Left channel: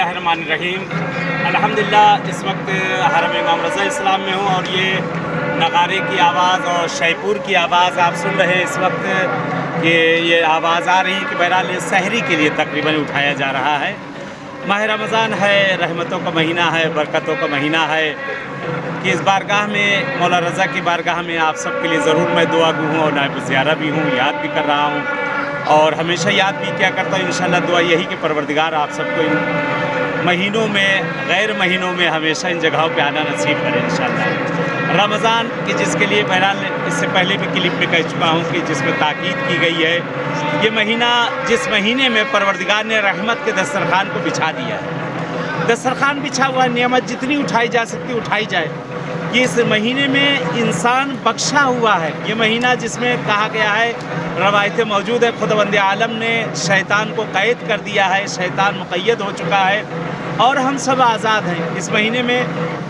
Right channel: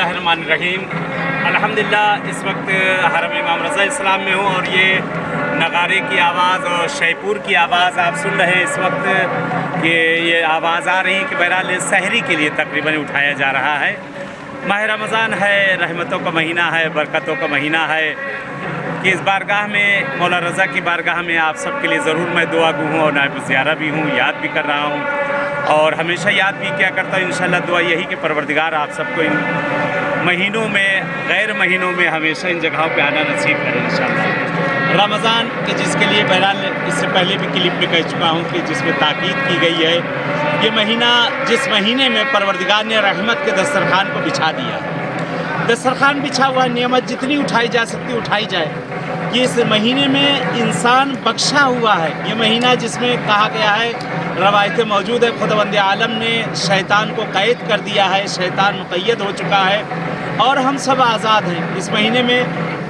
बिस्मिल्लाहिर्रहमानिर्रहीम। अल्हम्दुलिल्लाह इस वक्त हरम इमाम रज़ा इस्लाम में हूँ और ये नगारे की आवाज़ और शैपुर की आवाज़ आप सुन रहे हैं इस वक्त कि ये आवाज़ आ रही कि बहरहाल सहरी के लिए तकरीबन उठाया जा रहा है। माह रमज़ान है, रहमतों का महीना है, बरकतों का महीना है कि इस बारगाह में मौला रज़ा की बारगाह में आप सब के लिए ज़रूर मैं दुआ गो हूँ और नायब ज़ियारा भी हूँ, याद भी कर रहा हूँ और हमेशा याद भी क्या करता हूँ। इंशाअल्लाह दुआ यही कि परवरदिगार आप सबको इन महीनों में, गैर महीनों में हमेशा इन जगहों पे आना नसीब करें इंशाअल्लाह। रमज़ान कि जिसके लिए बहरहाल इससे पहले भी क्लिप में कह चुका हूँ कि जिसमें ताकीद की गई है, ये महीना जिस महीने में परवरदिगार ने रहमत के दस्तरखान को बिछा दिया है। दस्तरखान बिछा हुआ नेमत जितनी उठाई जा सकती उठाई जाए। ये इस महीने में इंसान बख्शा हुआ है। ये महीना जिसमें कहा गया है, रवायतें मौजूद है, खुदावंद आलम ने शैतान को कैद कर दिया है, शैतान मुक़य्यद हो चुका है और हम सब आज़ाद हैं इस महीने में।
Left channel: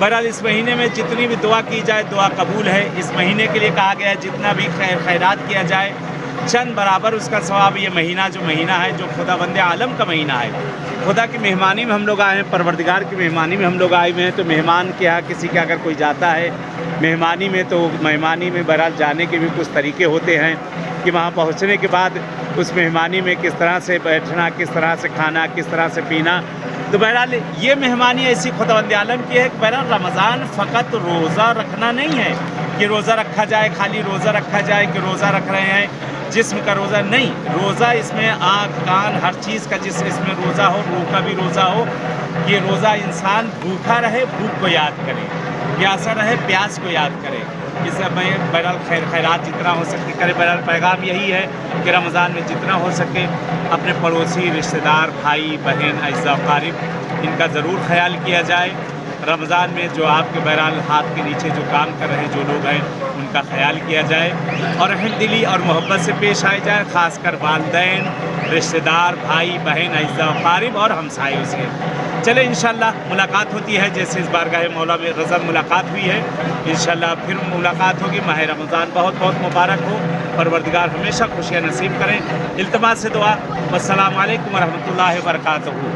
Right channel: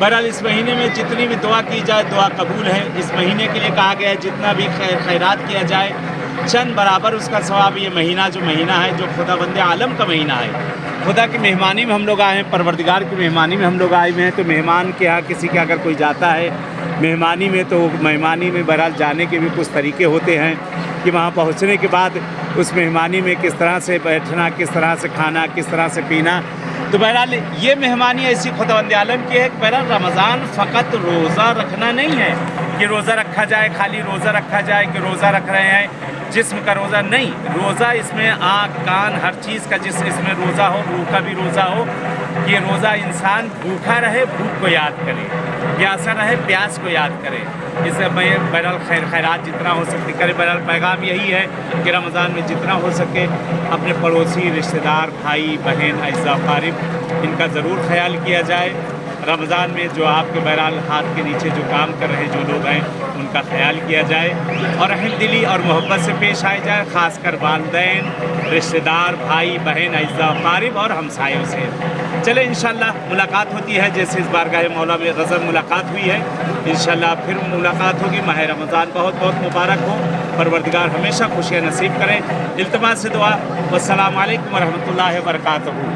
बहरहाल इस महीने में जितनी भी दुआ की जाए दुआ कबूल है। इस महीने के लिए कहा गया है जितना भी खैरात किया जाए चंद बराबर उसका सवाब। ये महीना जो है, जो खुदावंद आलम का महीना है, खुदा की मेहमानी में हम लोग आए हैं, परवरदिगार की मेहमानी में हम लोग आए हुए हैं। तो मेहमान के यहाँ किसी के अगर कोई जाता है मेहमानी में, तो मेहमानी में बहरहाल जाने के भी कुछ तरीके होते हैं कि वहाँ पहुँचने के बाद उस मेहमानी में किस तरह से बैठना, किस तरह से खाना, किस तरह से पीना। तो बहरहाल ये मेहमानी ऐसी खुदावंद आलम की है कि बहरहाल रमज़ान फ़कत रोज़ा रखना नहीं है कि रोज़ा रखा जाए, खाली रोज़ा रखा जाए कि रोज़ा रख रहे हैं जिस्म का रोज़ा नहीं। रोज़ा इसमें आँख कान हर चीज़ का जिस इसमें रोज़ा हो, रूह का भी रोज़ा हो। ये रोज़ा इंसान भूखा रहे, भूख को याद करे, प्यासा रहे, प्यास को याद करे। इससे मैं बहरहाल खैरात जितना हो सके करे। बहरहाल पैगाम यही है कि रमज़ान में जितना हो सके अपने पड़ोसी, रिश्तेदार, भाई बहन, अज़ा क़ारिब इनका ज़रूर ख्याल किया जाए। रमज़ान में जो आपके बहरहाल हाथ के नीचे जो काम कर रहे हैं जो लोग हैं उनका ख्याल किया जाए और रहमदिली और मोहब्बत से पेश आए जाए, ख़ासकर वालिदैन, रिश्तेदार, भाई बहन, अज़ा क़ारिब और हमसायों से। चले इंशाअल्लाह मुलाकात होती है जैसे इस बारगाह मौला में रज़ा मुलाकात हुई है। इंशाअल्लाह फिर मुलाकात होगी। माह रमज़ान बहुत बहुत मुबारक हो, परवरदिगार हमेशा खुशियाँ नसीब करें। इल्तिमास से दुआ। वस्सलामु अलैकुम व रहमतुल्लाहि व बरकातहू।